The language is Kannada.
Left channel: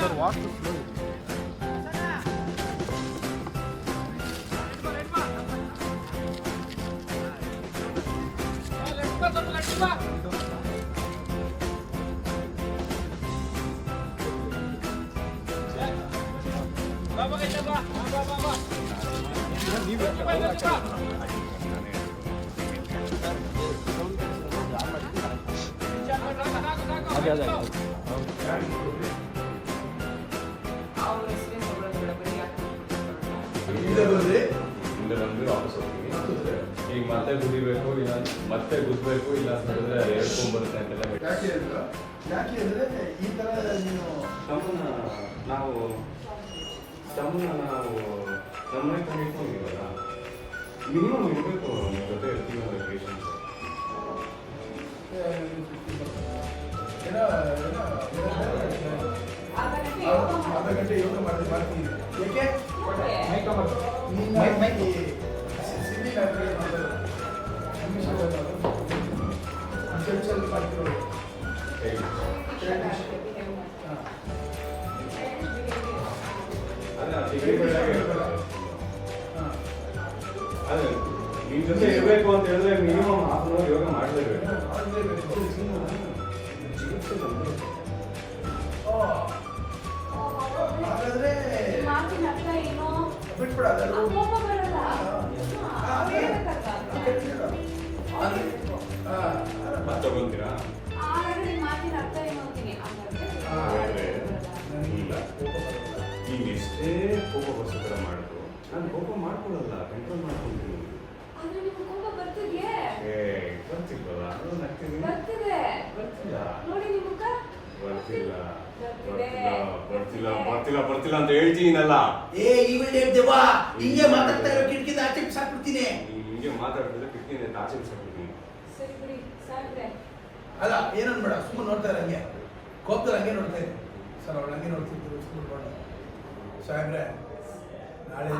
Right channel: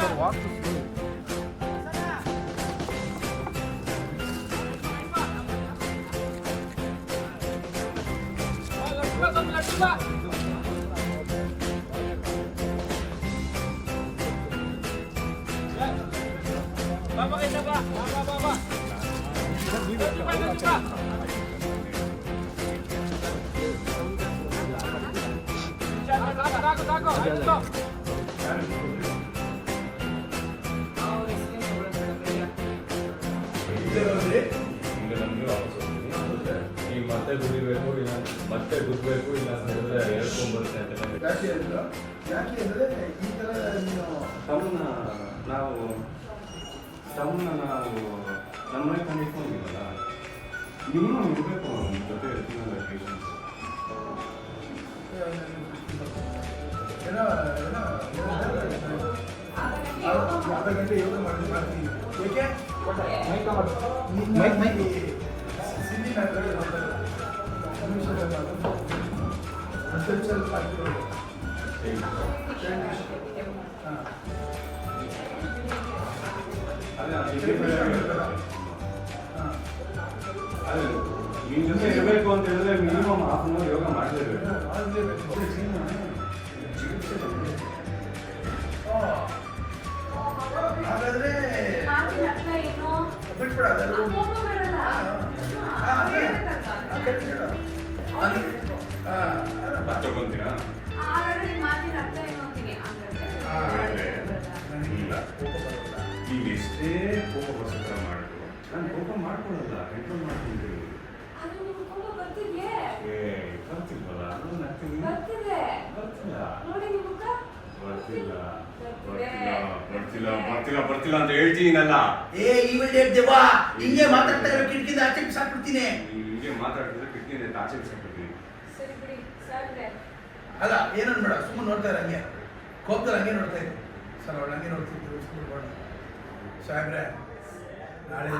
Sir, walk slow. ಈಗ ಮತ್ತೆ ಗುಡಿಬೇಕು ಇಲ್ಲ ಮತ್ತೆ ಗುದ್ದಬೇಕು ಇಲ್ಲ ಸರಿದ್ರೆ ಹೇಳ್ಕೊಂಡ್ಬರುತ್ತೆ ಅಂತೆಲ್ಲ. ಯಾಕೆ ಅಂದ್ರೆ ಈ ತರ ನೀನು ನಾವು ನಮ್ಮನೆ ಕಂಡಿಟ್ಕೊಂಡಿರಲ್ಲ ಮಿನಿಮಮ್ ಇರಬೇಕು ನಮ್ಮ ಜೊತೆ ಜೀವನ ಪೇಷನ್ಸ್. ಅರ್ಧ ಗಂಟೆ ಯೋಗ ಮಾಡ್ತೀನಿ. ಏಕೆ ಸಿಂಧಿ ಮ್ಯಾಟ್ರಿಗೆ ಅದೇ ನಿನ್ ಜೊತೆ ಇರಬೇಕು ಅಂತ ಹೇಳಿದ್ರೆ ಮಿನಿಮಮ್ ಹಾಫ್ ಅನ್ ಅವರ್ ಯೋಗ ಮಾಡಲೇಬೇಕು. ಹಾಗಾದ್ರೆ ಬಿಟ್ಬಿಡ ತಗೊಂತೀರಾ ಇಲ್ಲ ಈಗ ಎಷ್ಟೇ ಕೋಪ ಬರ್ಸತ್ರ ಮಾಡಿದ್ರು ನಾನು ಕೋಪ ಮಾಡ್ಕೊಳಲ್ಲ, ಕಂಟ್ರೋಲ್ ಮಾಡ್ಕೊಂಡ್ರಿ. ಬರ್ತಿಲ್ವಲ್ಲ ಬರ್ತಿಲ್ಲ ಅಂತ ಹೇಳ್ತೀನಲ್ಲ. ಹಿಂಗೆ ಮಾತಾಡ್ತಾ ಇರೋ ಕಿಟಕಿಯಿಂದ ಆಚೆ ಬಿಸಾಕ್ಬಿಡ್ತೀನಿ. ಹಿಂಗೆ ಮಾತಾಡ್ತಿದ್ರೆ ಕಿಟಕಿಯಿಂದ ಆಚೆ ಬಿಸಾಕ್ಬಿಡ್ತೀನಿ. ಅಲ್ಲ ಏನನ್ ಬೇಡ, ಸುಮ್ಮನೆ ನೋಡ್ತಾ ಇರ ಹಂಗೆ ಕೋಪದಲ್ಲಿ ಹಂಗೆ ನೋಡ್ತಾ ಇದ್ದೆ ಸರ್. ಅವಳು ಹಂಗೆ ನೋಡ್ತಿದ್ರು ಸಾಹೇಬ್ರೆ ನಾಳೆ